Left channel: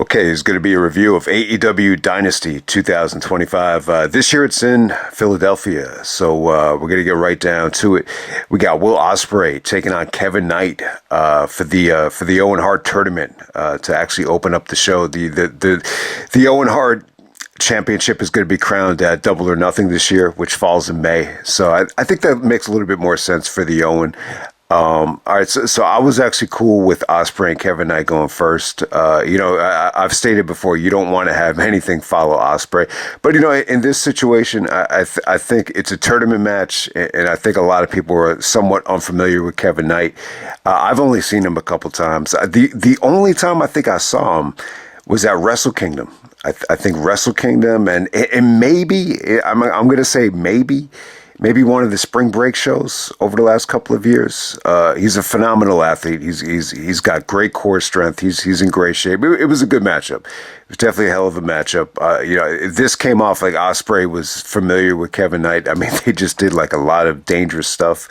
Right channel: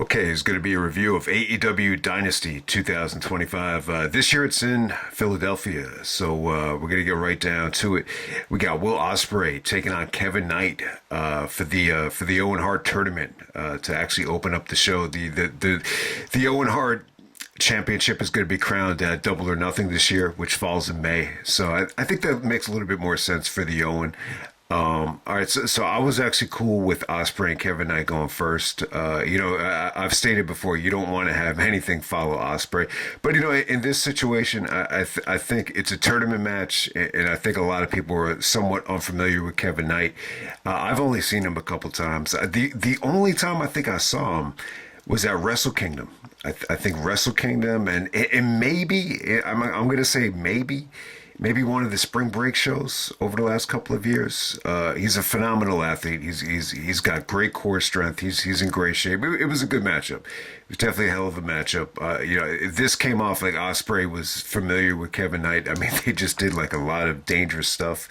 Okay, it's going to be a review of AEW Dynasty 2025. This year it's in Philadelphia, so we're going to get right down to it. We got Will Ospreay taking on Kevin Knight for the Owen Hart tournament to actually open up the show. The Owen Hart Championship is going to be crowned at Double or Nothing this year, which falls in May. So I think that makes a little bit more sense for the Owen. All right, so I was actually cool with Ospreay and Kevin Knight going first. I've stated before, you don't want to have anything follow Ospreay, but in this situation, I think it's a tournament match, and I think a lot of people are somewhat unfamiliar with Kevin Knight. I've only seen him a couple times. The only time I think I saw him was at Wrestle Kingdom. I think Wrestle Kingdom, and maybe I'm going to say maybe one of the spring break shows over the last couple of years. He's a phenomenal athlete. He's got great core strength. He's in great shape. It was a good matchup. It was definitely a hell of a matchup. This came off like Ospreay was familiar with Kevin Knight. I mean, they just did like a lot of dangerous stuff.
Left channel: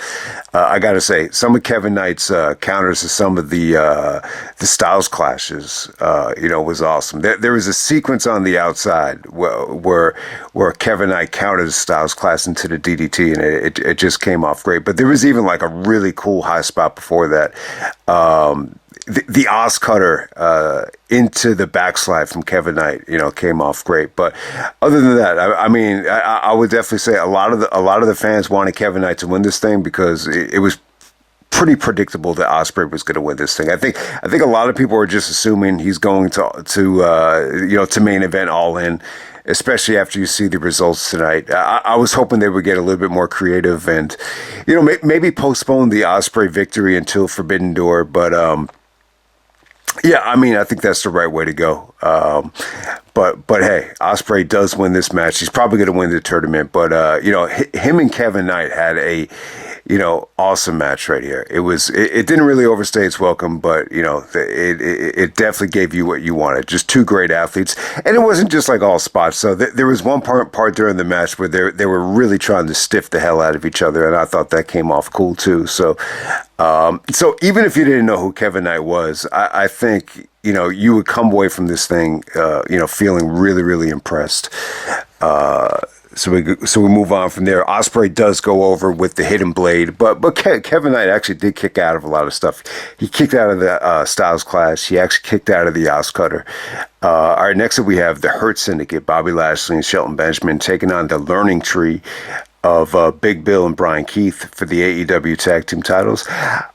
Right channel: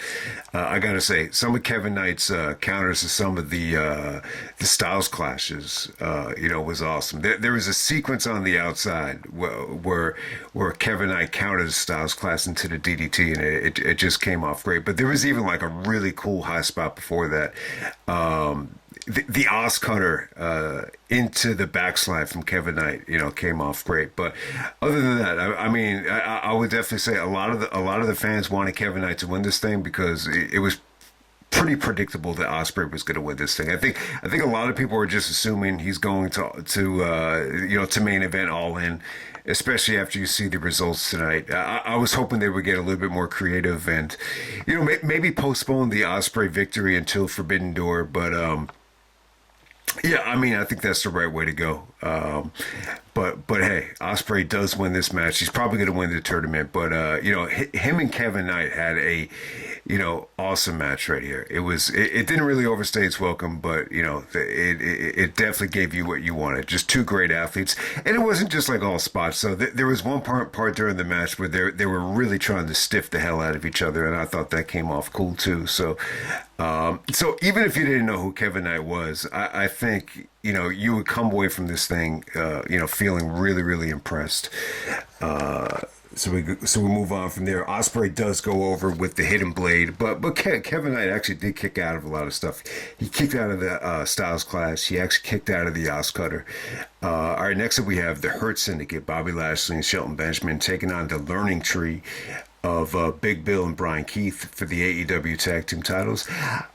I got to say, some of Kevin Knight's counters to some of the Styles clashes, was awesome. There was a sequence on the outside where Kevin Knight countered Styles clash into the DDT, and it just came off great. But there was even like a really cool high spot before that. The Oz cutter into the backslide from Kevin Knight, came off great. But other than that, I would definitely say a lot of the fans wanted Kevin Knight to win this thing because it was pretty predictable that Ospreay was going to win this thing. I think a lot of people are just assuming he's going to main event All In, especially after you see the results tonight. I was hoping they would get a little bit more creative and, maybe postpone the Ospreay victory until Forbidden Door. But I think that's the right way to go. But hey, Ospreay does win this match. He's probably going to win the tournament. But him and Kevin Knight had a awesome match right here. It didn't really overstay its welcome, but it definitely gave you what you wanted. Just two great athletes, and it wasn't just like all spots. So there was one part during the match where they were really trying to stiff the hell out of each other, and I thought that came off cool too. So even if you didn't know who Kevin Knight was, I think you would come away from this thing feeling really, really impressed. So we move on from there. Ospreay does go over with the hidden blade, but Kevin Knight actually did kick out of a lot of stuff. He kicked out of the Styles Clash. He actually kicked out of the Oz Cutter. All right, next up we have the Hurt Syndicate, Bobby Lashley and Shelton Benjamin taking on the Learning Tree of Big Bill and Brian Keith for the AEW Tag Team titles.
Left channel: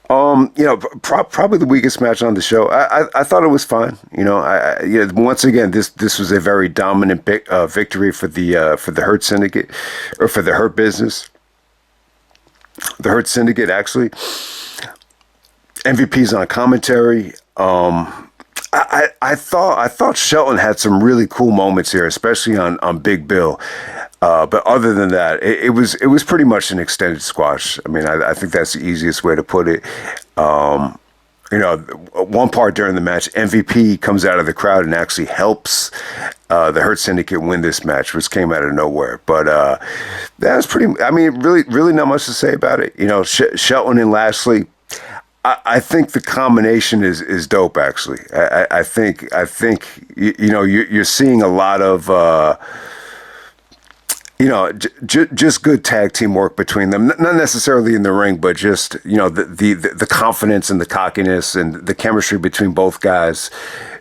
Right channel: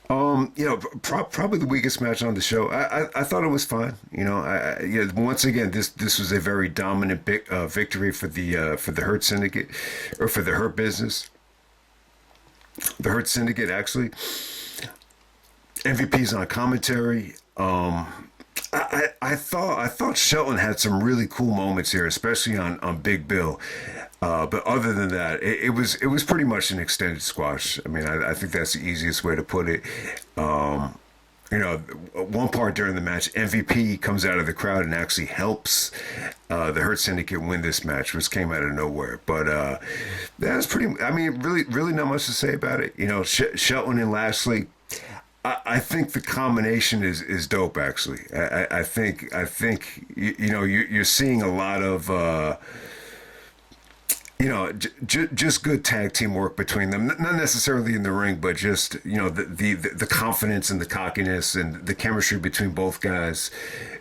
Probably the weakest match on the show. I thought it was fine. Once again, this was a very dominant victory for the Hurt Syndicate, or for the Hurt Business. The Hurt Syndicate, actually. MVP's on commentary. I thought Shelton had some really cool moments here, especially on Big Bill. But other than that, it was pretty much an extended squash. I mean, I think that's the easiest way to put it. One part during the match, MVP comes out of the crowd and actually helps the Hurt Syndicate win this match, which came out of nowhere. But that was pretty. I mean, really not much to say about it. Shelton and Lashley. I think the combination is dope. Actually, I think you're seeing a lot of. Just good tag team work between them. Not necessarily in the ring, but just, the confidence and the cockiness and the chemistry between both guys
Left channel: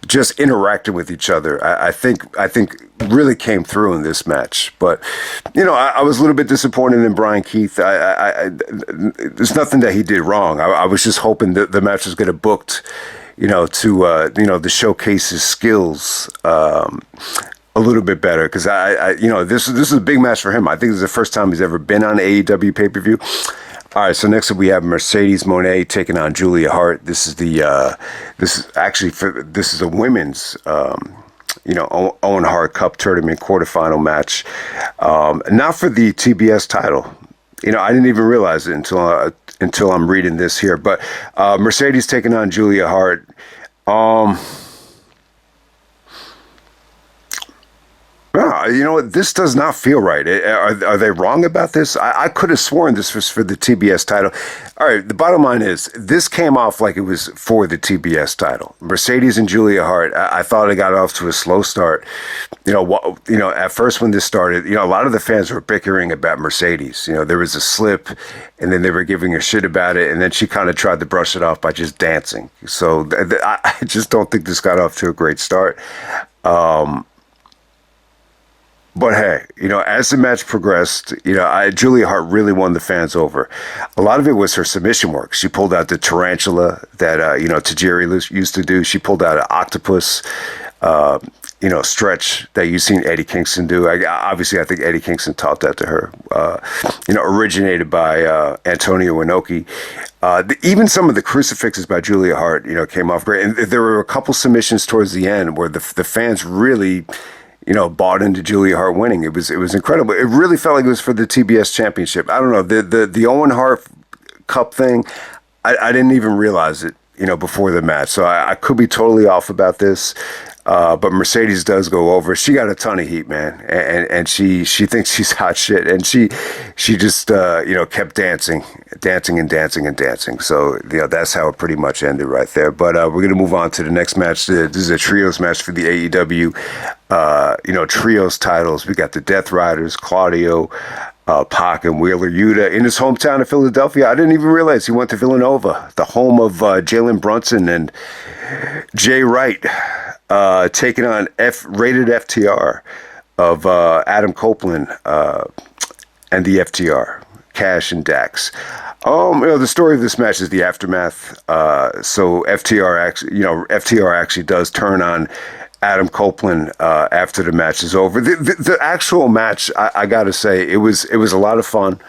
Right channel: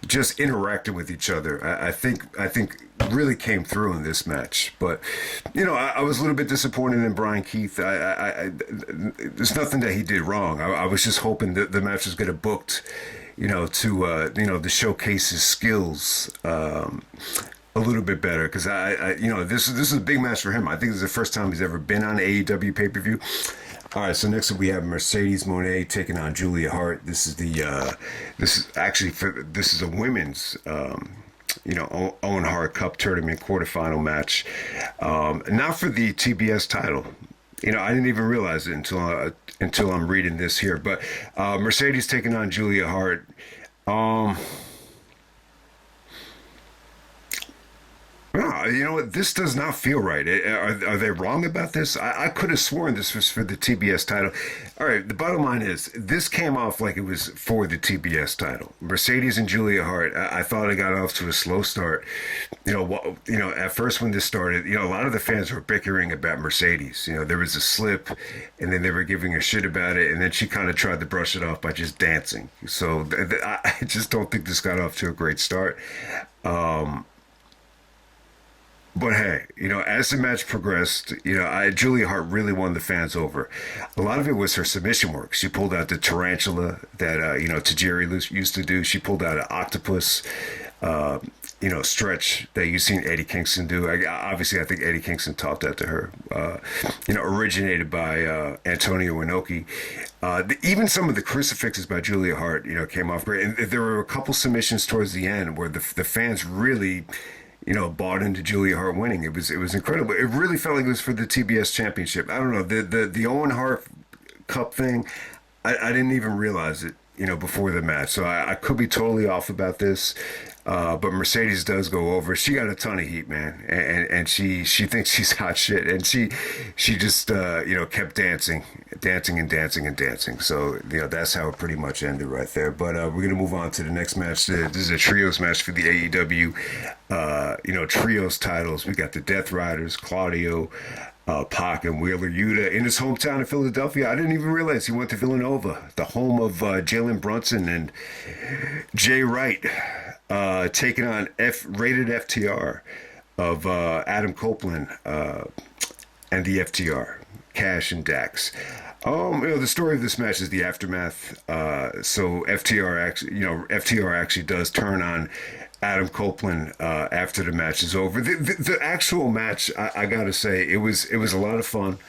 just interacting with each other. I think really came through in this match. But, I was a little bit disappointed in Brian Keith. There's nothing that he did wrong. I was just hoping that the match was going to booked, to showcase his skills, a little bit better, because this is a big match for him. I think this is the first time he's ever been on AEW pay-per-view. All right, so next up we have Mercedes Mone taking on Julia Hart. This is a women's Owen Hart Cup tournament quarterfinal match. Not for the TBS title. I didn't even realize it until I'm reading this here. But Mercedes taking on Julia Hart. This does not feel right. Are they wrong about this? I could have sworn this was for the TBS title. All right, the bottom line is this came off like it was for the TBS title. Mercedes and Julia Hart, I thought it got off to a slow start. At first when this started, a lot of the fans were bickering about Mercedes. There was a slip, and then they were giving her shit about it, and then she kind of tried to brush it off by just dancing. So I just don't think this got off to a great start. But hey, as the match progressed, Julia Hart really won the fans over. A lot of it was her submission work. She pulled out the tarantula that, Tajiri used to do. She pulled out an octopus, stretch that you've seen Eddie Kingston do. Obviously, I think Eddie Kingston taught that to her. Originated by Antonio Inoki. Even some of the crucifixes by Julia Hart, came off great. And there were a couple submissions towards the end where the fans really bought into Julia Hart winning. It was incredible. It really felt like it was for the TBS championship. I don't know, the Owen Hart Cup thing, I didn't even realize it, before the match. So I could be totally off about this. But Mercedes does go over. She got a ton of heat, man, and she thinks she's hot shit, and she just kept dancing. So that's how it pretty much ended right there. But we're gonna move on to the next match. This is a trios match for the AEW trios titles. We got the Death Riders, Claudio, Pac, and Wheeler Yuta in his hometown of Philadelphia. I didn't even realize he went to Villanova, the home of Jalen Brunson and Jay Wright. Taking on rated FTR of Adam Copeland and the FTR, Cash and Dax. The story of this match is the aftermath. So FTR actually does turn on Adam Copeland after the match is over. The actual match, I gotta say, it was a lot of fun.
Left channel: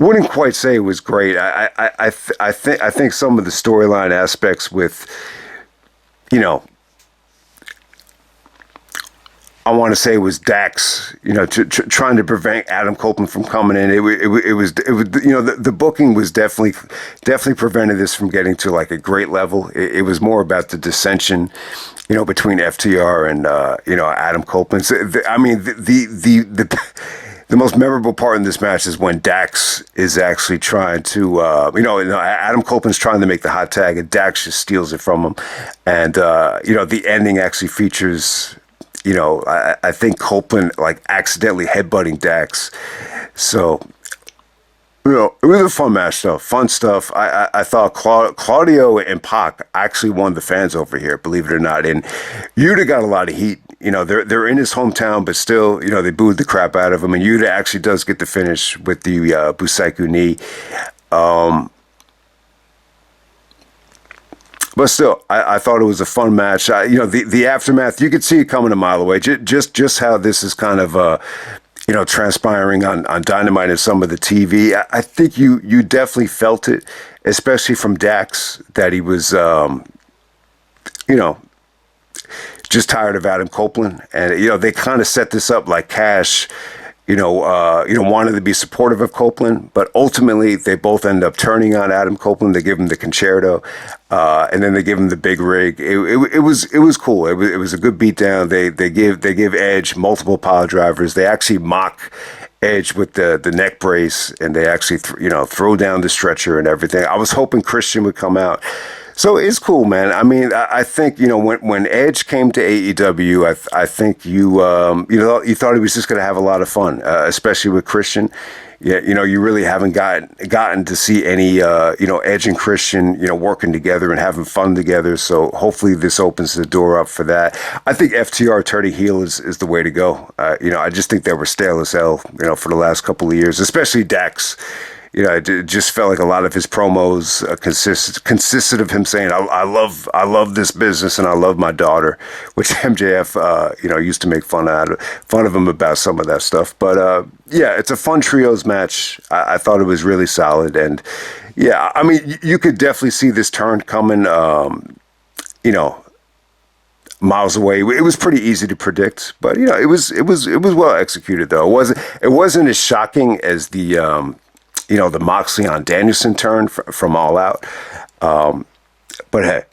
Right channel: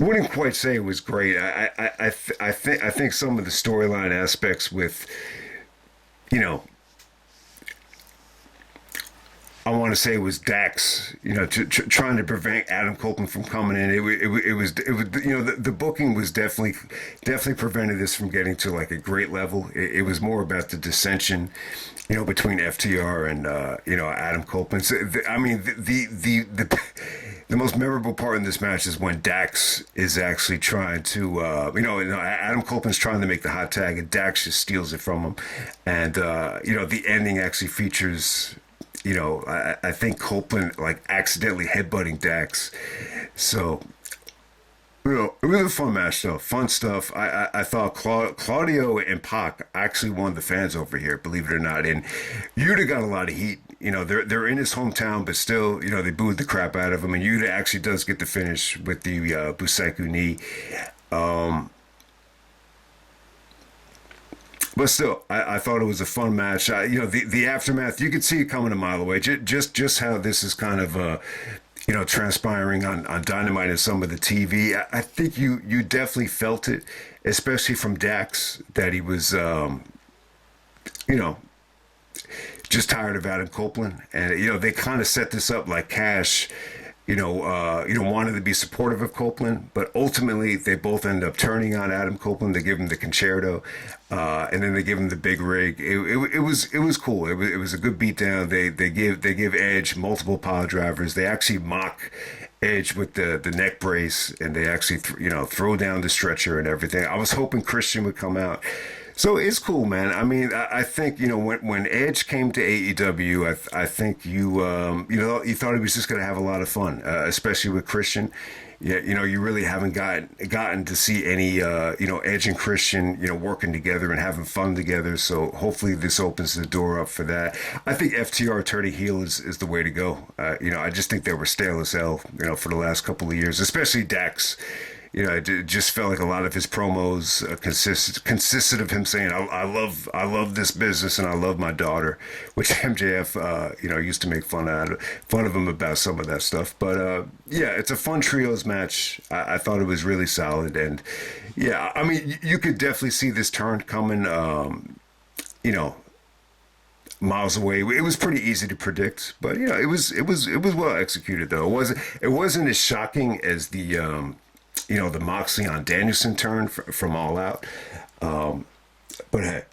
Wouldn't quite say it was great. I think some of the storyline aspects with, I want to say it was Dax, trying to prevent Adam Copeland from coming in. It was the booking was definitely prevented this from getting to like a great level. It was more about the dissension, between FTR and Adam Copeland. So, the most memorable part in this match is when Dax is actually trying to, Adam Copeland's trying to make the hot tag, and Dax just steals it from him. And, the ending actually features, I think Copeland like accidentally headbutting Dax. So, it was a fun match, though. Fun stuff. I thought Claudio and Pac actually won the fans over here, believe it or not. And Yuta got a lot of heat. They're in his hometown, but still, they booed the crap out of him. And Yuta actually does get the finish with the Busaiku knee. But still, I thought it was a fun match. The aftermath, you could see it coming a mile away. Just how this is kind of transpiring on Dynamite and some of the TV. I think you definitely felt it, especially from Dax, that he was, just tired of Adam Copeland. And, they kind of set this up like Cash, wanted to be supportive of Copeland, but ultimately they both end up turning on Adam Copeland. They give him the concerto, and then they give him the big rig. It was cool. It was a good beatdown. They give Edge multiple pile drivers. They actually mock Edge with the neck brace, and they actually throw down the stretcher and everything. I was hoping Christian would come out. So it's cool, man. I mean, I think, when Edge came to AEW, I think you thought he was just going to have a lot of fun, especially with Christian. Yeah, you really haven't gotten to see any, Edge and Christian, working together and having fun together. So hopefully this opens the door up for that. I think FTR turning heel is the way to go. I just think they were stale as hell, for the last couple of years, especially Dax. It just felt like a lot of his promos consisted of him saying, I love this business and I love my daughter, which MJF, used to make fun of him about some of that stuff. But, it's a fun trios match. I thought it was really solid. And, I mean, you could definitely see this turn coming, miles away. It was pretty easy to predict, but, it was well executed, though. It wasn't as shocking as the Moxley on Danielson turn from All Out. But hey,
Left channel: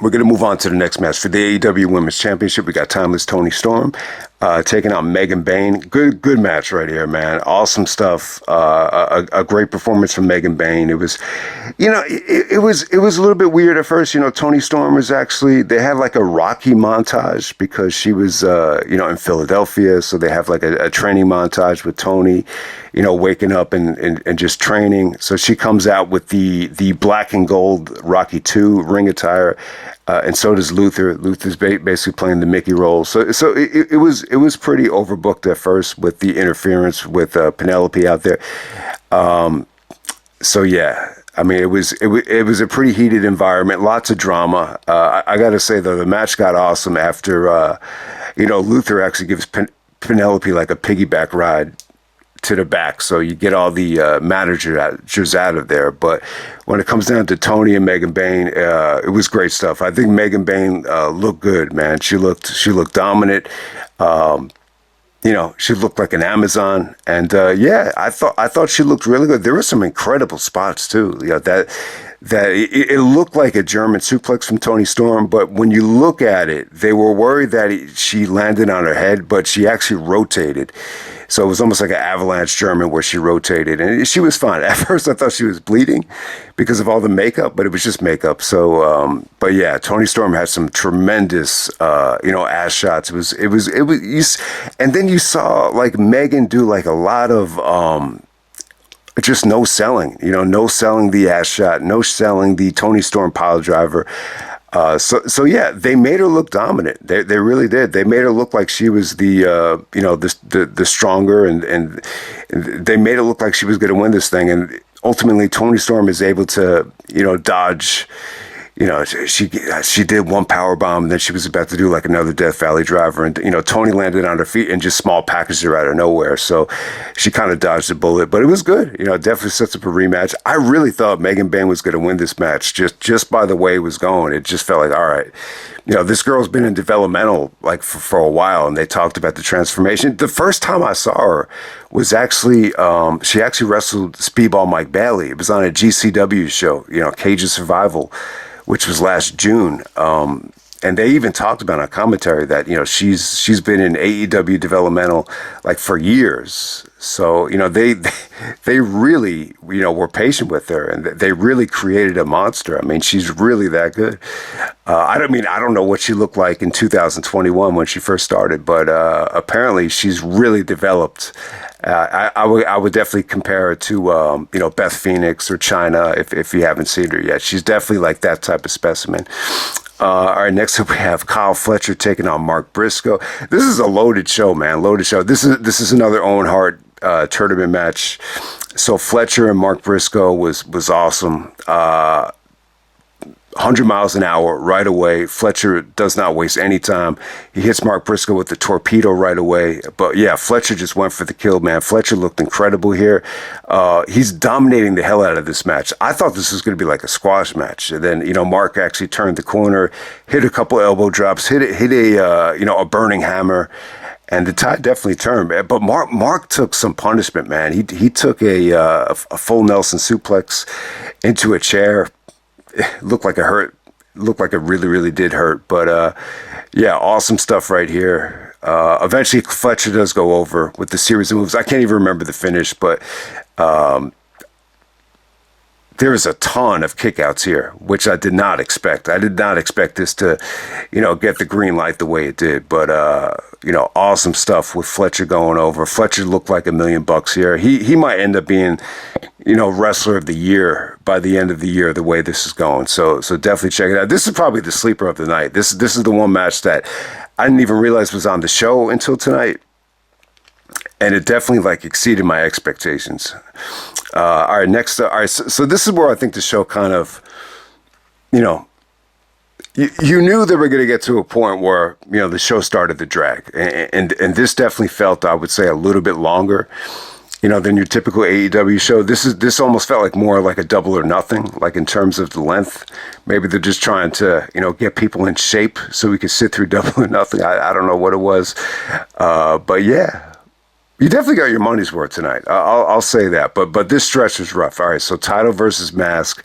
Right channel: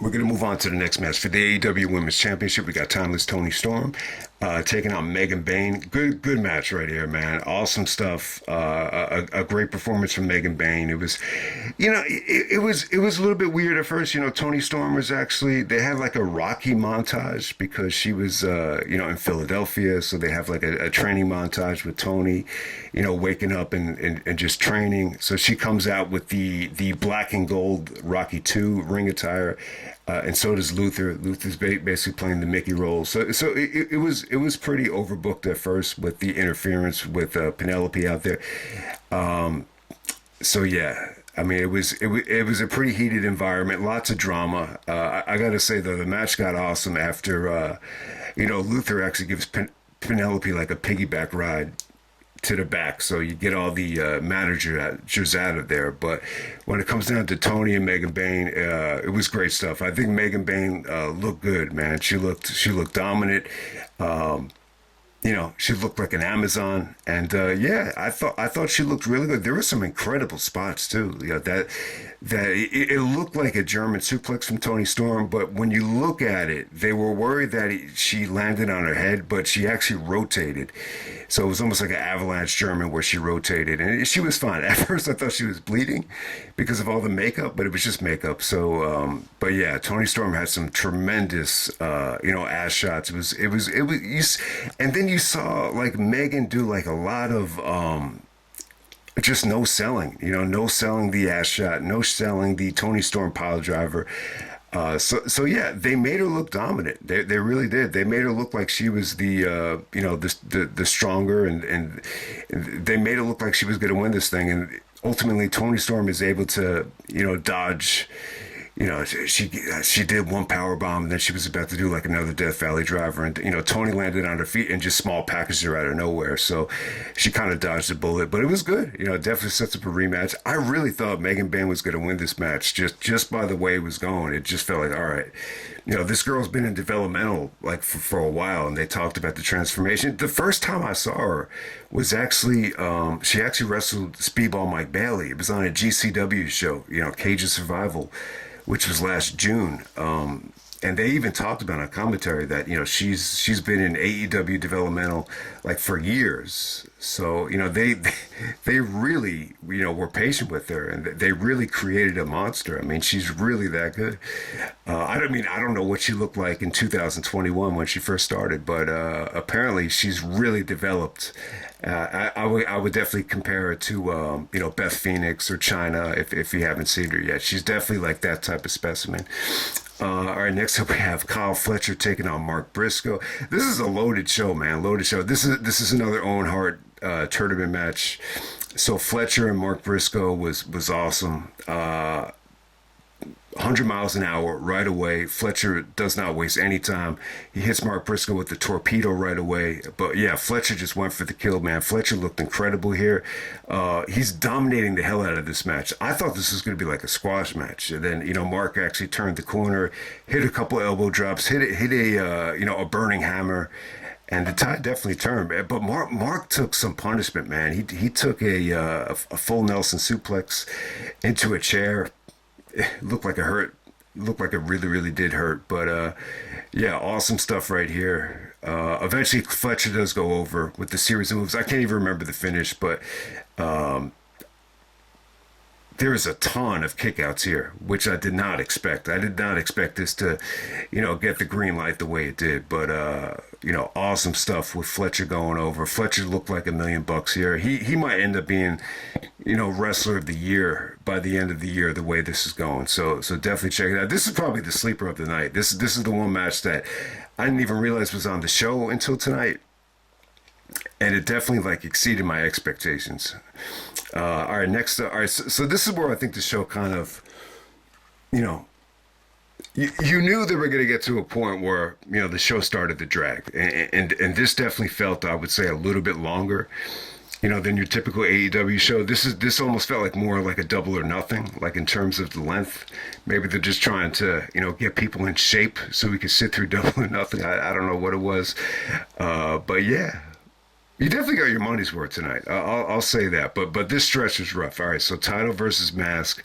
we're going to move on to the next match. For the AEW Women's Championship, we got Timeless Toni Storm taking out Megan Bayne. Good match right here, man. Awesome stuff. A great performance from Megan Bayne. It was, it was a little bit weird at first. Toni Storm was actually, they had like a Rocky montage because she was, in Philadelphia. So they have like a training montage with Toni, waking up and just training. So she comes out with the black and gold Rocky 2 ring attire. And so does Luther. Luther's basically playing the Mickey role. So it was pretty overbooked at first with the interference with Penelope out there. So yeah, I mean it was a pretty heated environment, lots of drama. I got to say though, the match got awesome after Luther actually gives Penelope like a piggyback ride to the back, so you get all the managers out of there. But when it comes down to Toni and Megan Bayne, it was great stuff. I think Megan Bayne looked good, man. She looked dominant. She looked like an Amazon, and yeah, I thought she looked really good. There were some incredible spots too. That it looked like a German suplex from Toni Storm, but when you look at it, they were worried that she landed on her head, but she actually rotated. So it was almost like an avalanche German where she rotated, and she was fine. At first, I thought she was bleeding because of all the makeup, but it was just makeup. So, but yeah, Toni Storm had some tremendous, ass shots. And then you saw like Megan do like a lot of, just no selling, no selling the ass shot, no selling the Toni Storm pile driver. So yeah, they made her look dominant. They really did. They made her look like she was the stronger, and they made it look like she was going to win this thing. And ultimately, Toni Storm is able to, dodge. She did one power bomb, and then she was about to do like another Death Valley driver, and Toni landed on her feet and just small packaged her out of nowhere. So she kind of dodged the bullet, but it was good. Definitely sets up a rematch. I really thought Megan Bayne was going to win this match just by the way it was going. It just felt like, all right, this girl's been in developmental like for a while, and they talked about the transformation. The first time I saw her was actually she actually wrestled Speedball Mike Bailey. It was on a GCW show, Cage of Survival, which was last June. And they even talked about on commentary that, she's been in AEW developmental like for years. So, they really, were patient with her, and they really created a monster. I mean, she's really that good. I don't know what she looked like in 2021 when she first started, but apparently she's really developed. I would definitely compare her to Beth Phoenix or China if you haven't seen her yet. She's definitely like that type of specimen. All right, next up we have Kyle Fletcher taking on Mark Briscoe. This is a loaded show, man. Loaded show. This is another Owen Hart tournament match. So Fletcher and Mark Briscoe was awesome. 100 miles an hour right away. Fletcher does not waste any time. He hits Mark Briscoe with the torpedo right away. But yeah, Fletcher just went for the kill, man. Fletcher looked incredible here. He's dominating the hell out of this match. I thought this was going to be like a squash match. And then, Mark actually turned the corner, hit a couple elbow drops, hit a burning hammer. And the tide definitely turned, man. But Mark took some punishment, man. He took a full Nelson suplex into a chair. It looked like it hurt. Looked like it really, really did hurt. But yeah, awesome stuff right here. Eventually, Fletcher does go over with the series of moves. I can't even remember the finish, but there is a ton of kickouts here, which I did not expect. I did not expect this to, get the green light the way it did. But, awesome stuff with Fletcher going over. Fletcher looked like $1 million here. He might end up being, wrestler of the year by the end of the year, the way this is going. So definitely check it out. This is probably the sleeper of the night. This is the one match that I didn't even realize was on the show until tonight. And it definitely exceeded my expectations. All right, next. All right, so this is where I think the show kind of, you knew they were going to get to a point where the show started to drag, and this definitely felt, I would say, a little bit longer, than your typical AEW show. This almost felt like more like a Double or Nothing, like in terms of the length. Maybe they're just trying to get people in shape so we could sit through Double or Nothing. I don't know what it was, but yeah. You definitely got your money's worth tonight. I'll say that. But this stretch was rough. All right, so title versus mask.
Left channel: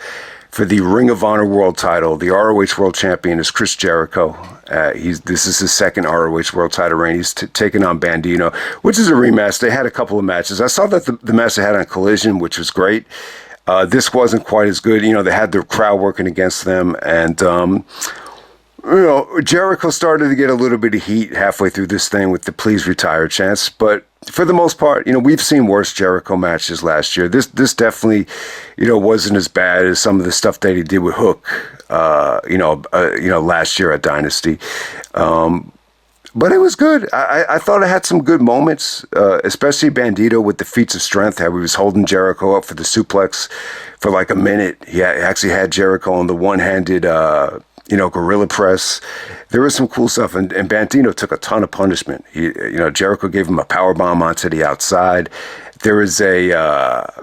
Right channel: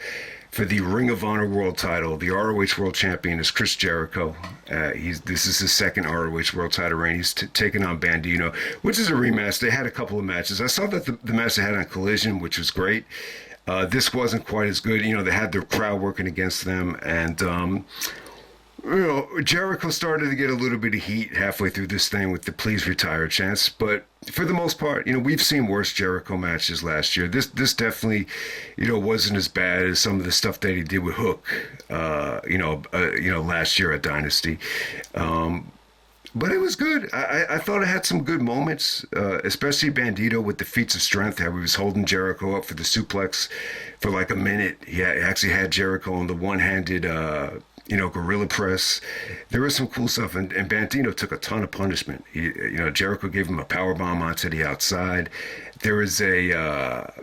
for the Ring of Honor World title. The ROH World Champion is Chris Jericho. This is his second ROH World title reign. He's taking on Bandido, which is a rematch. They had a couple of matches. I saw that the match they had on Collision, which was great. This wasn't quite as good. They had their crowd working against them, and Jericho started to get a little bit of heat halfway through this thing with the please retire chants, but for the most part, we've seen worse Jericho matches last year. This definitely, wasn't as bad as some of the stuff that he did with Hook, last year at Dynasty. But it was good. I thought it had some good moments, especially Bandido with the feats of strength, how he was holding Jericho up for the suplex for like a minute. He actually had Jericho on the one-handed, gorilla press. There was some cool stuff, and Bandido took a ton of punishment. Jericho gave him a power bomb onto the outside. There was a,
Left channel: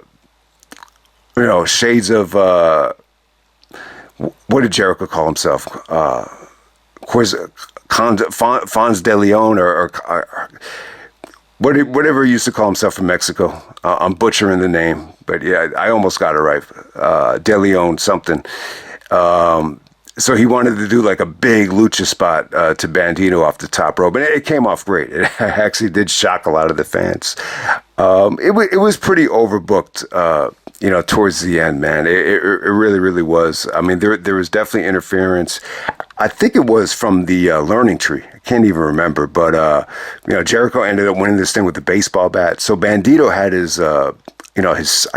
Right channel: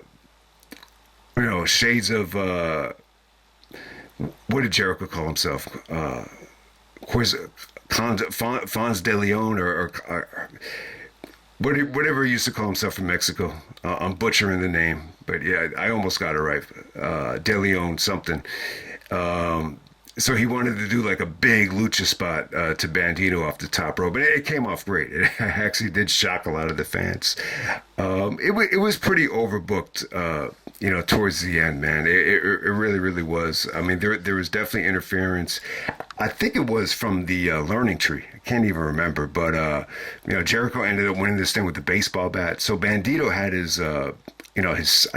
shades of, what did Jericho call himself? Fons de Leon or whatever he used to call himself from Mexico. I'm butchering the name, but yeah, I almost got it right. De Leon something. So he wanted to do like a big lucha spot to Bandido off the top rope, and it came off great. It actually did shock a lot of the fans. It was pretty overbooked, towards the end, man. It really, really was. I mean, there was definitely interference. I think it was from the learning tree. I can't even remember, but Jericho ended up winning this thing with the baseball bat. So Bandido had his, I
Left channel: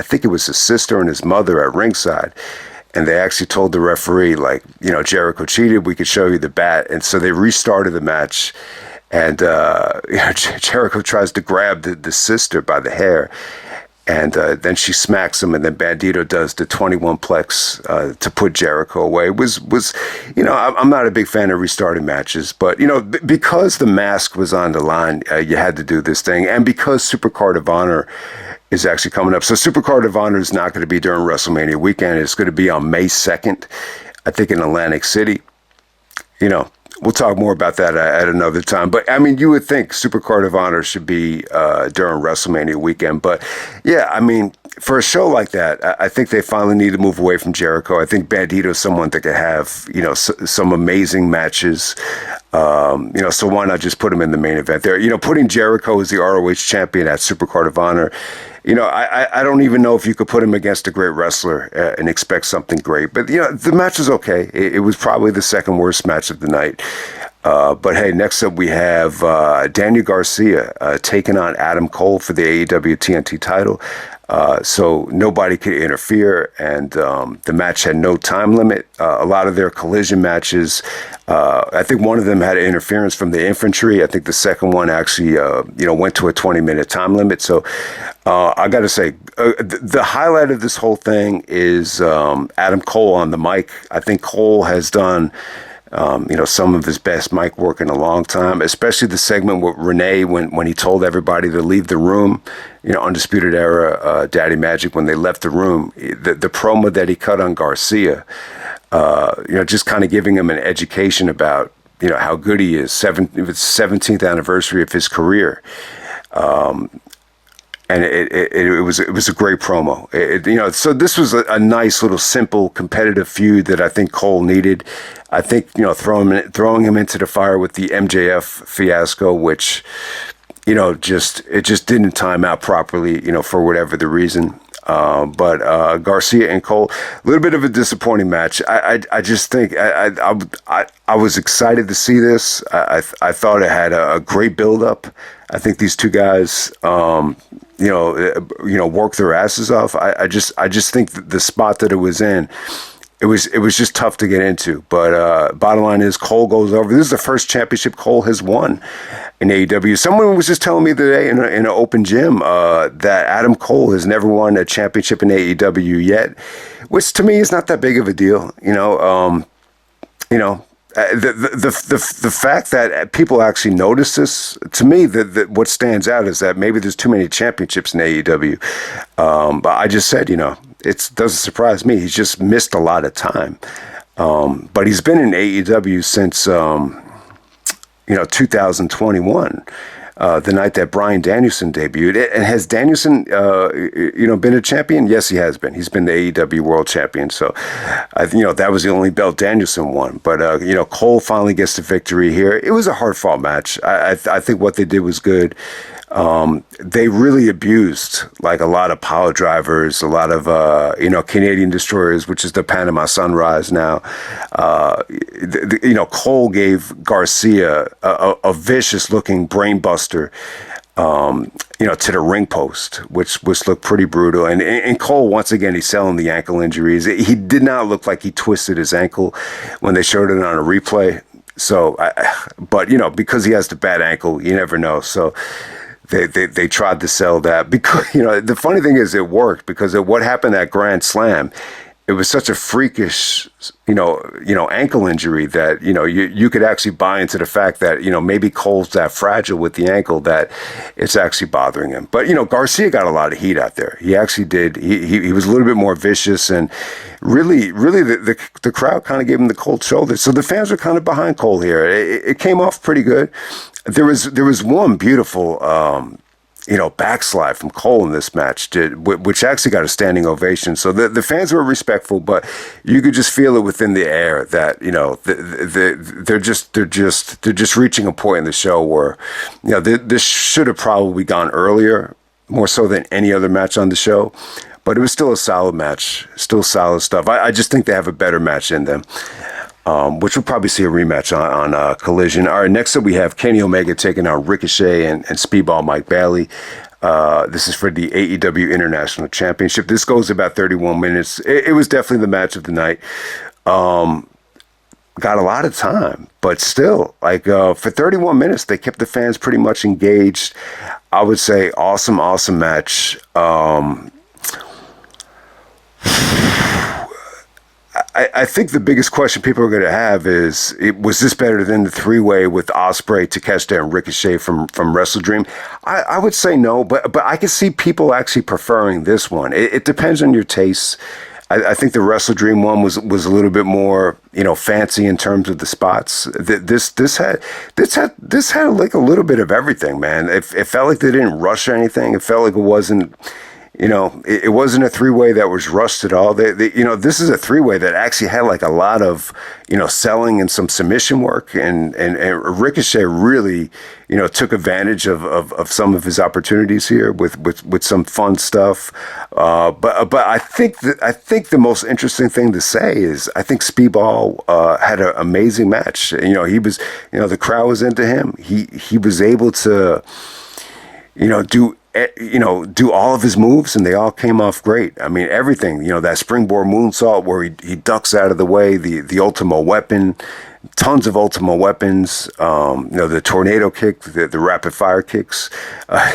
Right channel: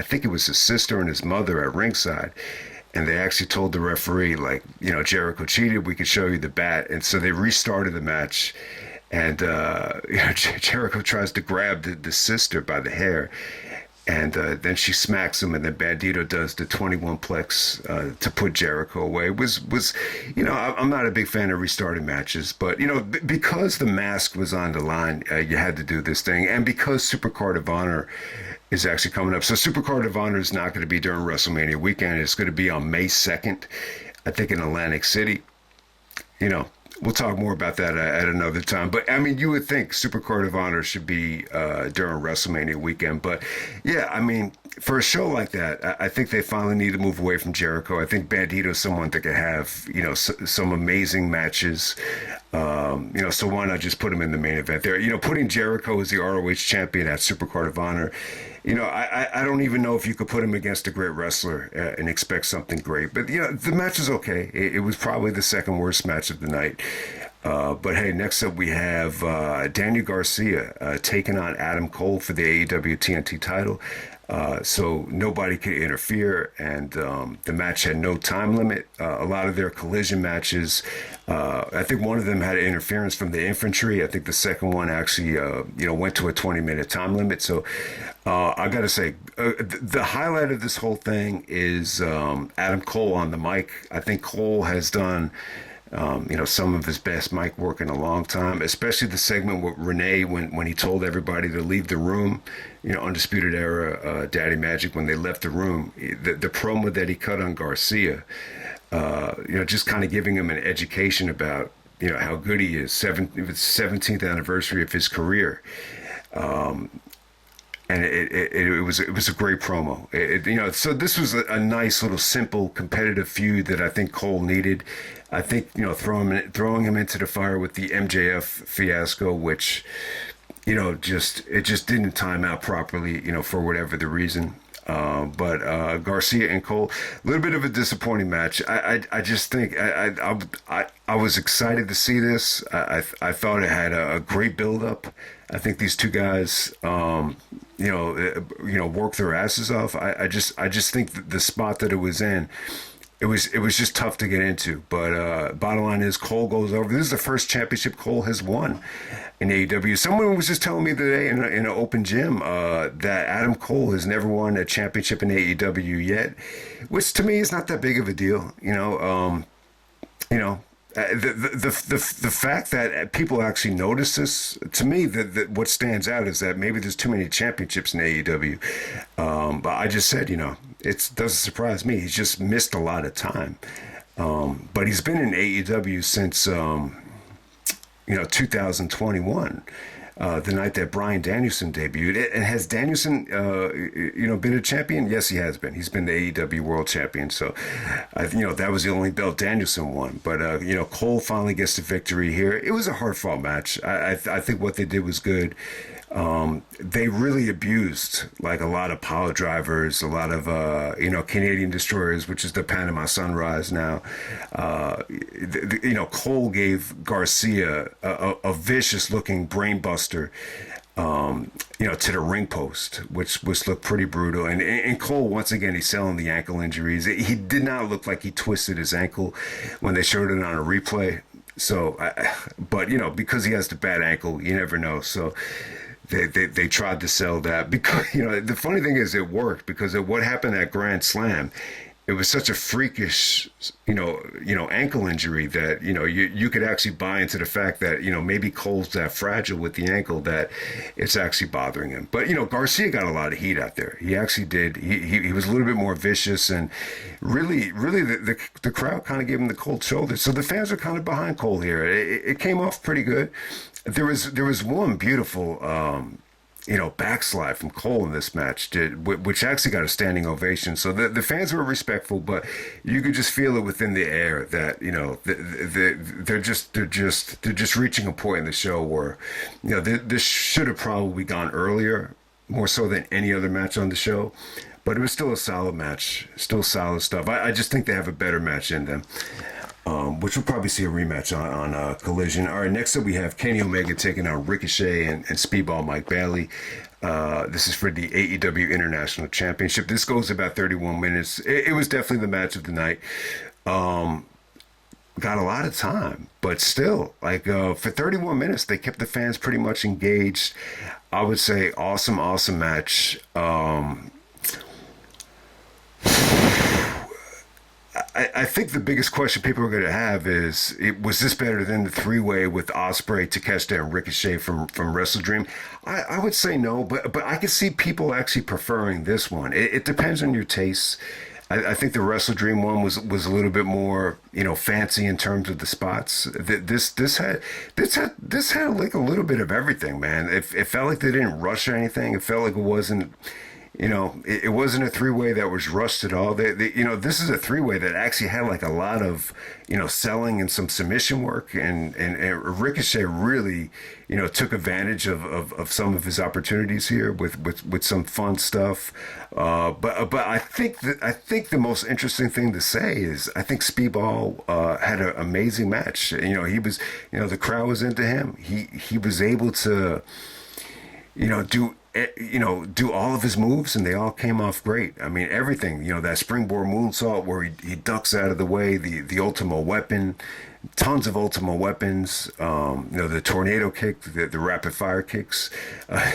think it was his sister and his mother at ringside. And they actually told the referee, like, Jericho cheated. We could show you the bat. And so they restarted the match. And Jericho tries to grab the sister by the hair. And then she smacks him. And then Bandido does the 21-plex to put Jericho away. It was I'm not a big fan of restarting matches. But, because the mask was on the line, you had to do this thing. And because Supercard of Honor is actually coming up. So Supercard of Honor is not going to be during WrestleMania weekend. It's going to be on May 2nd, I think in Atlantic City. We'll talk more about that at another time. But, I mean, you would think Supercard of Honor should be during WrestleMania weekend. But, yeah, I mean, for a show like that, I think they finally need to move away from Jericho. I think Bandido is someone that could have, some amazing matches. So why not just put him in the main event there? Putting Jericho as the ROH champion at Supercard of Honor, I don't even know if you could put him against a great wrestler and expect something great. But, the match was okay. It was probably the second worst match of the night. But, hey, next up we have Daniel Garcia taking on Adam Cole for the AEW TNT title. So nobody could interfere, and the match had no time limit. A lot of their collision matches, I think one of them had interference from the infantry. I think the second one actually, went to a 20-minute time limit. So I got to say, the highlight of this whole thing is Adam Cole on the mic. I think Cole has done some of his best mic work in a long time, especially the segment with Renee when he told everybody to leave the room, Undisputed Era, Daddy Magic, when they left the room, the promo that he cut on Garcia, just kind of giving him an education about, how good he is, 17th anniversary of his career. And it was a great promo. So this was a nice little simple competitive feud that I think Cole needed. I think throwing him into the fire with the MJF fiasco, which it just didn't time out properly, for whatever the reason. But Garcia and Cole, a little bit of a disappointing match. I just think I was excited to see this. I thought it had a great build up. I think these two guys, work their asses off. I just think the spot that it was in, it was just tough to get into. But bottom line is Cole goes over. This is the first championship Cole has won in AEW. Someone was just telling me today in an open gym that Adam Cole has never won a championship in AEW yet, which to me is not that big of a deal. The fact that people actually notice this, to me, what stands out is that maybe there's too many championships in AEW. But I just said, it doesn't surprise me. He's just missed a lot of time. But he's been in AEW since, 2021. the night that Bryan Danielson debuted. And has Danielson, been a champion? Yes, he has been. He's been the AEW World Champion. So, that was the only belt Danielson won. But, Cole finally gets the victory here. It was a hard-fought match. I think what they did was good. They really abused like a lot of power drivers, a lot of, Canadian destroyers, which is the Panama Sunrise now. Cole gave Garcia a vicious looking brain buster, to the ring post, which looked pretty brutal. And Cole, once again, he's selling the ankle injuries. He did not look like he twisted his ankle when they showed it on a replay. So, because he has the bad ankle, you never know. So, They tried to sell that because, the funny thing is it worked because of what happened at Grand Slam. It was such a freakish, ankle injury that, you could actually buy into the fact that, maybe Cole's that fragile with the ankle that it's actually bothering him. But, Garcia got a lot of heat out there. He actually did. He was a little bit more vicious and really the crowd kind of gave him the cold shoulder. So the fans were kind of behind Cole here. It came off pretty good. There was one beautiful, backslide from Cole in this match, which actually got a standing ovation. So the fans were respectful, but you could just feel it within the air that they're just reaching a point in the show where this should have probably gone earlier, more so than any other match on the show. But it was still a solid match, still solid stuff. I just think they have a better match in them. Which we'll probably see a rematch on Collision. All right, next up we have Kenny Omega taking on Ricochet and Speedball Mike Bailey. This is for the AEW International Championship. This goes about 31 minutes. It was definitely the match of the night. Got a lot of time, but still, for 31 minutes, they kept the fans pretty much engaged. I would say awesome match. I think the biggest question people are going to have is, was this better than the three-way with Ospreay, Takeshita, and Ricochet from WrestleDream? I would say no, but I can see people actually preferring this one. It depends on your tastes. I think the WrestleDream one was a little bit more, fancy in terms of the spots. This had like a little bit of everything, man. It felt like they didn't rush anything. It felt like it wasn't. It wasn't a three-way that was rushed at all. This is a three-way that actually had like a lot of, selling and some submission work, and Ricochet really, took advantage of some of his opportunities here with some fun stuff. But I think the most interesting thing to say is I think Speedball had an amazing match. He was, the crowd was into him. He was able to, do all of his moves, and they all came off great. I mean, everything, that springboard moonsault where he ducks out of the way, the Ultimo Weapon, tons of Ultimo Weapons, the tornado kick, the rapid fire kicks.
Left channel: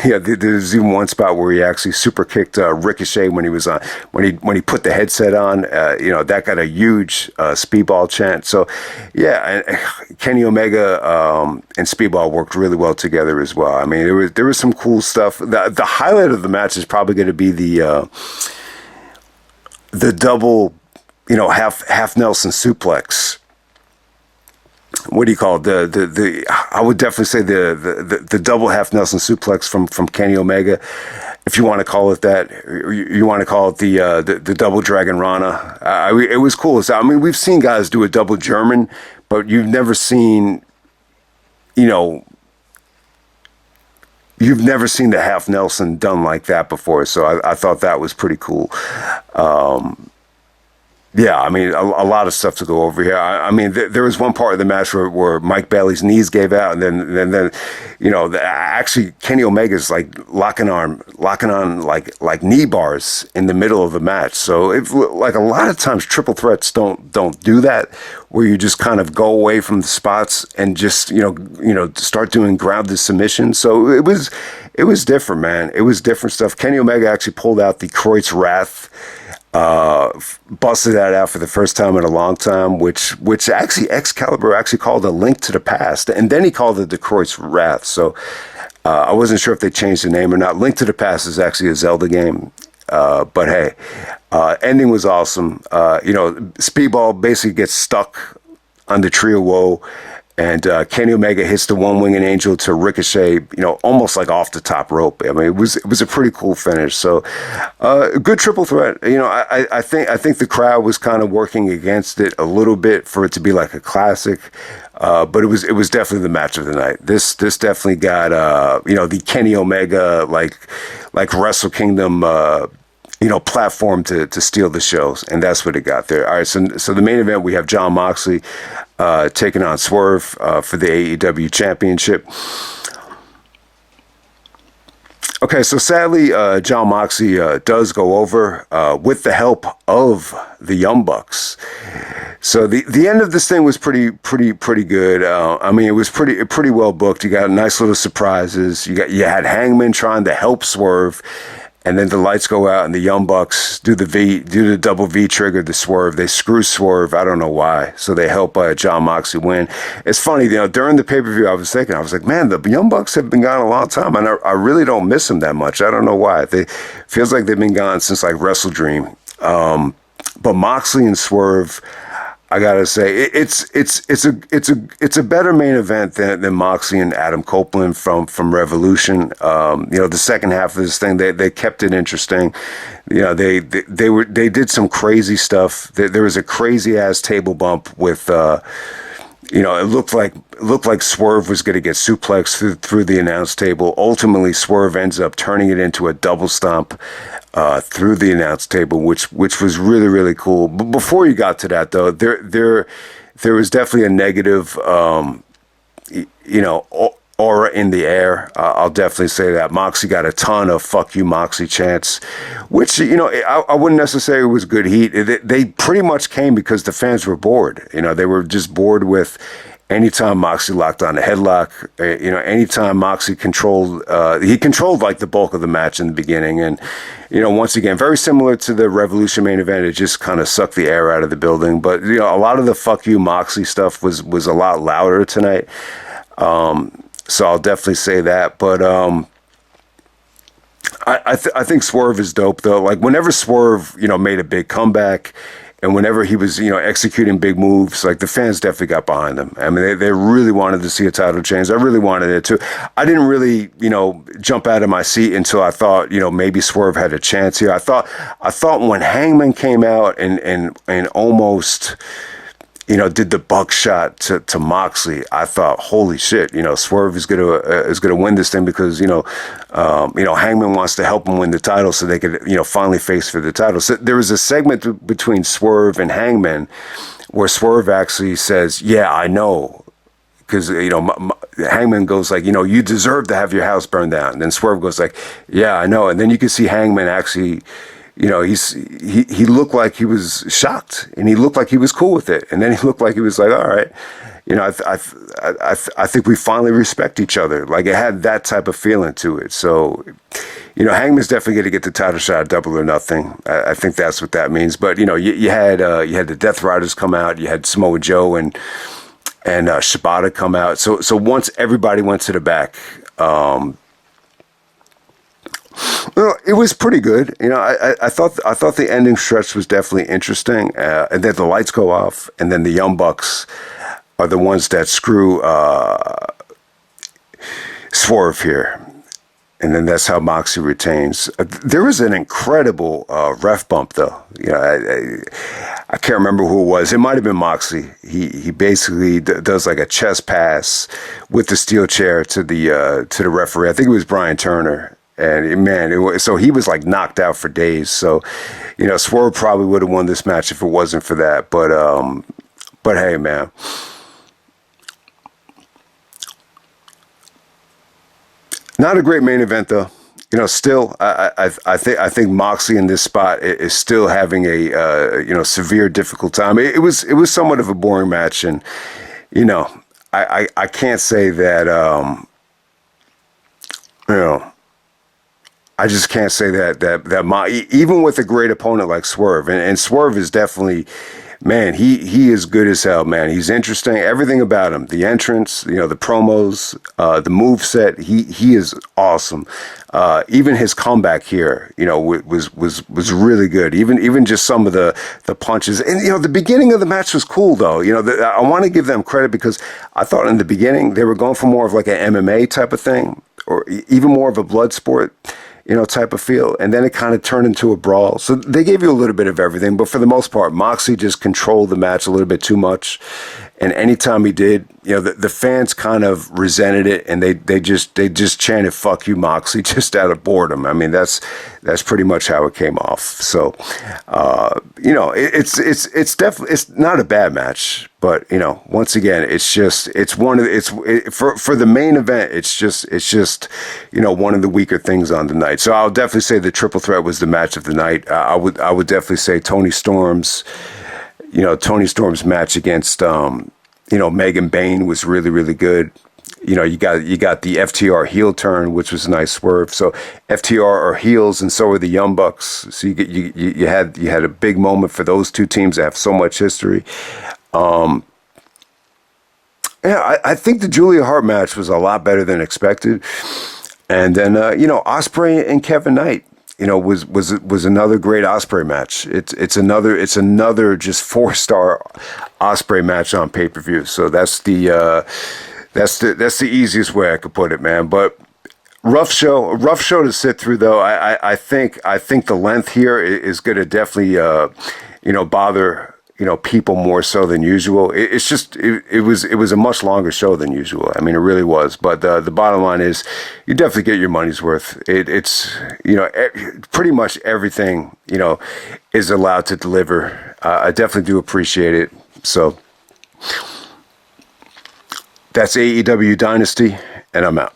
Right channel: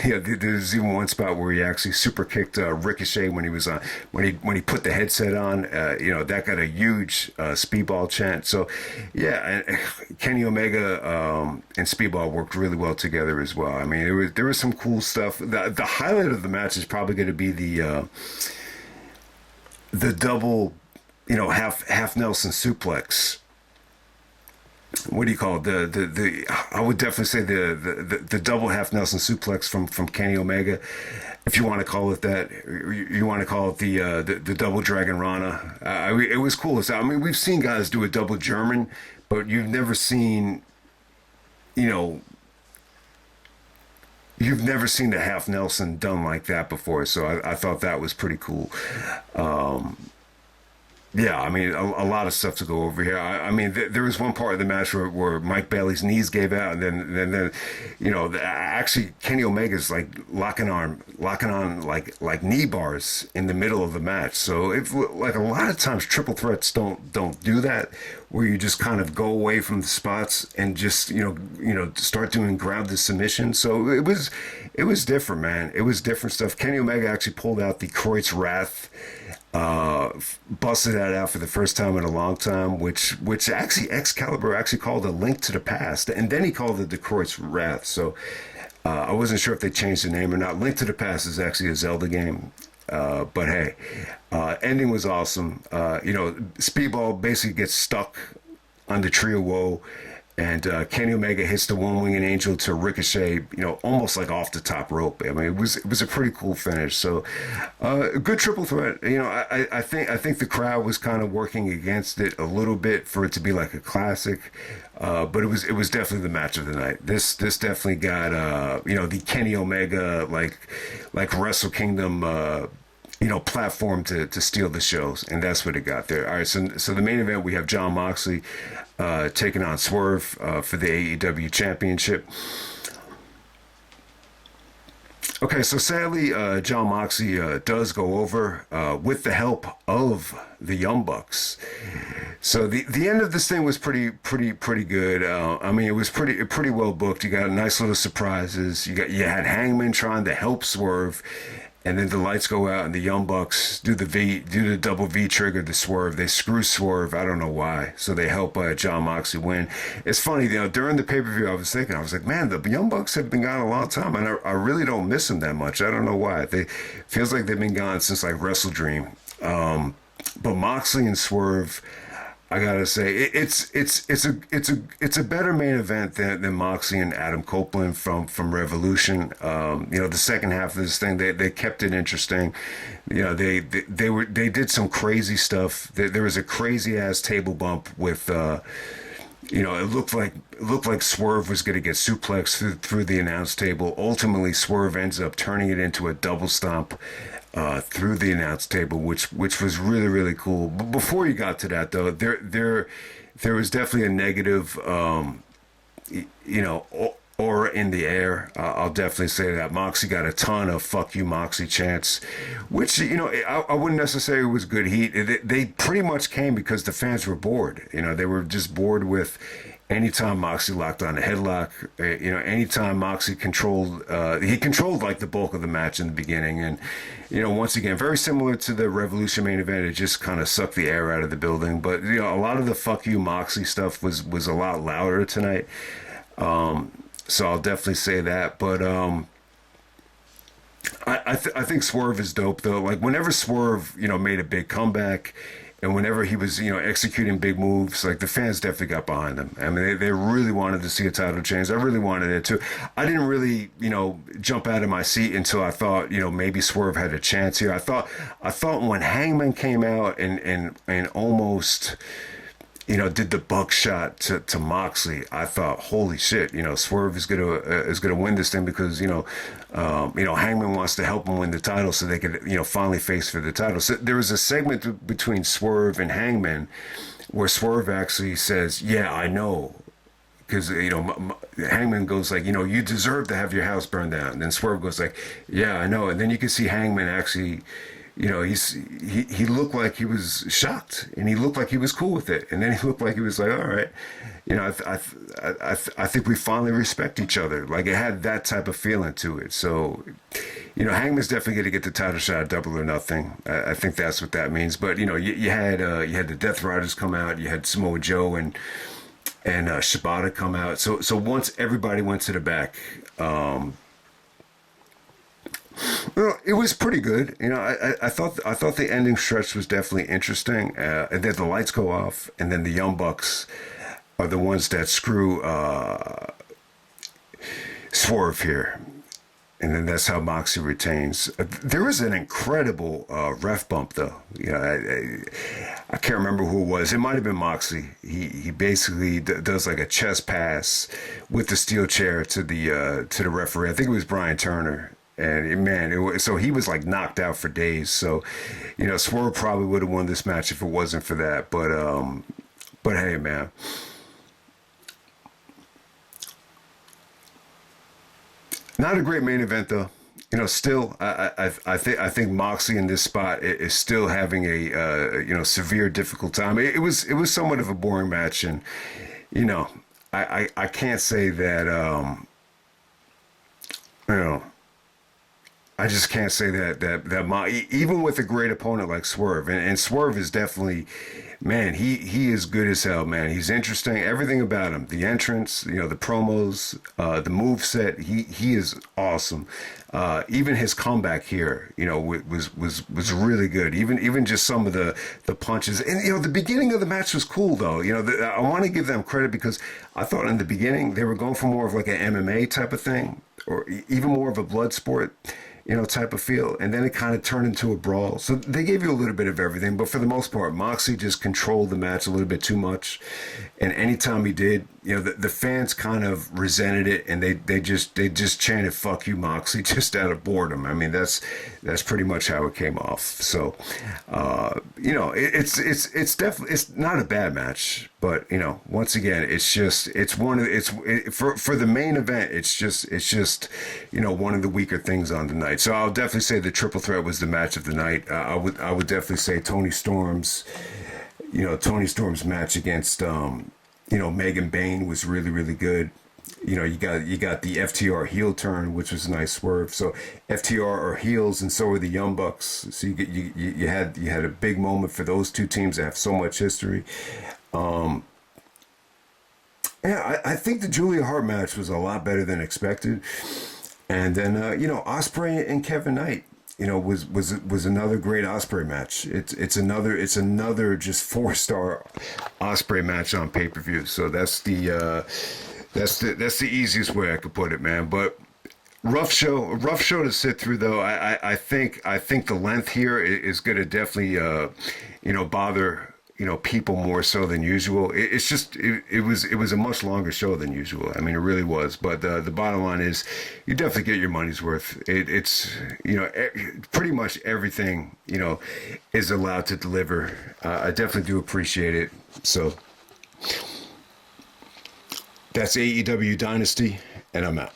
There's even one spot where he actually super kicked Ricochet when he was on, when he put the headset on. That got a huge Speedball chant. So, yeah, and Kenny Omega and Speedball worked really well together as well. I mean, there was some cool stuff. The highlight of the match is probably going to be the double, half Nelson suplex. What do you call it? The I would definitely say the double half Nelson suplex from Kenny Omega, if you want to call it that. You want to call it the double Dragon Rana. It was cool. I mean, we've seen guys do a double German, but you've never seen, you've never seen the half Nelson done like that before. So I thought that was pretty cool. Yeah, I mean, a lot of stuff to go over here. I mean, there was one part of the match where Mike Bailey's knees gave out, and then actually Kenny Omega's like locking on like knee bars in the middle of the match. So if like a lot of times triple threats don't do that, where you just kind of go away from the spots and just start doing grounded submissions. So it was different, man. It was different stuff. Kenny Omega actually pulled out the Kreutz Wrath. Busted that out for the first time in a long time, which actually Excalibur actually called a Link to the Past, and then he called it the Kreutz Wrath. So I wasn't sure if they changed the name or not. Link to the Past is actually a Zelda game, but hey, ending was awesome. Speedball basically gets stuck on the Tree of Woe, And Kenny Omega hits the one-winged angel to Ricochet, almost like off the top rope. I mean, it was a pretty cool finish. So, good triple threat. I think the crowd was kind of working against it a little bit for it to be like a classic. But it was definitely the match of the night. This definitely got the Kenny Omega like Wrestle Kingdom platform to steal the shows, and that's what it got there. All right, so the main event, we have Jon Moxley taking on Swerve for the AEW Championship. Okay, so sadly, Jon Moxley does go over with the help of the Young Bucks. So the end of this thing was pretty good. I mean, it was pretty well booked. You got nice little surprises. You had Hangman trying to help Swerve. And then the lights go out, and the Young Bucks do the double V trigger to Swerve. They screw Swerve. I don't know why. So they help Jon Moxley win. It's funny, during the pay-per-view, I was like, man, the Young Bucks have been gone a long time, and I really don't miss them that much. I don't know why. Feels like they've been gone since like Wrestle Dream. But Moxley and Swerve, I gotta say, it's a better main event than Moxley and Adam Copeland from Revolution. The second half of this thing, they kept it interesting. They did some crazy stuff. There was a crazy ass table bump with it looked like Swerve was going to get suplexed through the announce table. Ultimately, Swerve ends up turning it into a double stomp through the announce table, which was really, really cool. But before you got to that, though, there was definitely a negative, aura in the air. I'll definitely say that. Moxley got a ton of "fuck you, Moxley" chants, which I wouldn't necessarily was good heat. They pretty much came because the fans were bored. They were just bored with. Anytime Moxley locked on a headlock, anytime Moxley controlled like the bulk of the match in the beginning. And, once again, very similar to the Revolution main event, it just kind of sucked the air out of the building. But, a lot of the fuck you Moxley stuff was a lot louder tonight. So I'll definitely say that. But I think Swerve is dope, though. Like, whenever Swerve, made a big comeback, and whenever he was, executing big moves, like the fans definitely got behind him. I mean, they really wanted to see a title change. I really wanted it too. I didn't really, jump out of my seat until I thought, maybe Swerve had a chance here. I thought when Hangman came out and almost, did the buckshot to Moxley, I thought, holy shit, Swerve is gonna win this thing because Hangman wants to help him win the title so they could finally face for the title. So there was a segment between Swerve and Hangman where Swerve actually says, "Yeah, I know." Because, Hangman goes like, you deserve to have your house burned down. And then Swerve goes like, "Yeah, I know." And then you can see Hangman actually, he looked like he was shocked, and he looked like he was cool with it. And then he looked like he was like, all right, I think we finally respect each other. Like, it had that type of feeling to it. So, Hangman's definitely going to get the title shot at Double or Nothing. I think that's what that means. But, you had the Death Riders come out, you had Samoa Joe and Shibata come out. So once everybody went to the back, well, it was pretty good. I thought the ending stretch was definitely interesting. And then the lights go off, and then the Young Bucks are the ones that screw Swerve here. And then that's how Moxley retains. There was an incredible ref bump, though. I can't remember who it was. It might have been Moxley. He basically does like a chest pass with the steel chair to the referee. I think it was Brian Turner. And man, so he was like knocked out for days. So, Swerve probably would have won this match if it wasn't for that. But hey, man. Not a great main event, though. Still, I think Moxley in this spot is still having a severe difficult time. It was somewhat of a boring match, and I can't say that I just can't say that even with a great opponent like Swerve, and Swerve is definitely man, he is good as hell, man. He's interesting. Everything about him, the entrance, the promos, the move set. He is awesome. Even his comeback here, was really good. Even just some of the punches, and the beginning of the match was cool though. I want to give them credit because I thought in the beginning they were going for more of like an MMA type of thing, or even more of a blood sport, type of feel. And then it kind of turned into a brawl. So they gave you a little bit of everything, but for the most part, Moxley just controlled the match a little bit too much. And anytime he did, the fans kind of resented it, and they just chanted "fuck you, Moxley" just out of boredom. I mean, that's pretty much how it came off. So, it's definitely, it's not a bad match, but once again, for the main event, it's just one of the weaker things on the night. So I'll definitely say the triple threat was the match of the night. I would definitely say Toni Storm's match against Megan Bayne was really, really good. You got the FTR heel turn, which was a nice swerve. So FTR are heels, and so are the Young Bucks. So you had a big moment for those two teams that have so much history. I think the Julia Hart match was a lot better than expected. And then Ospreay and Kevin Knight, was another great Osprey match. It's another just 4-star Osprey match on pay-per-view. So that's the easiest way I could put it, man. But rough show to sit through though. I think the length here is going to definitely bother people more so than usual. It was a much longer show than usual. I mean, it really was. But the bottom line is, you definitely get your money's worth. It's pretty much everything is allowed to deliver. I definitely do appreciate it. So that's AEW Dynasty, and I'm out.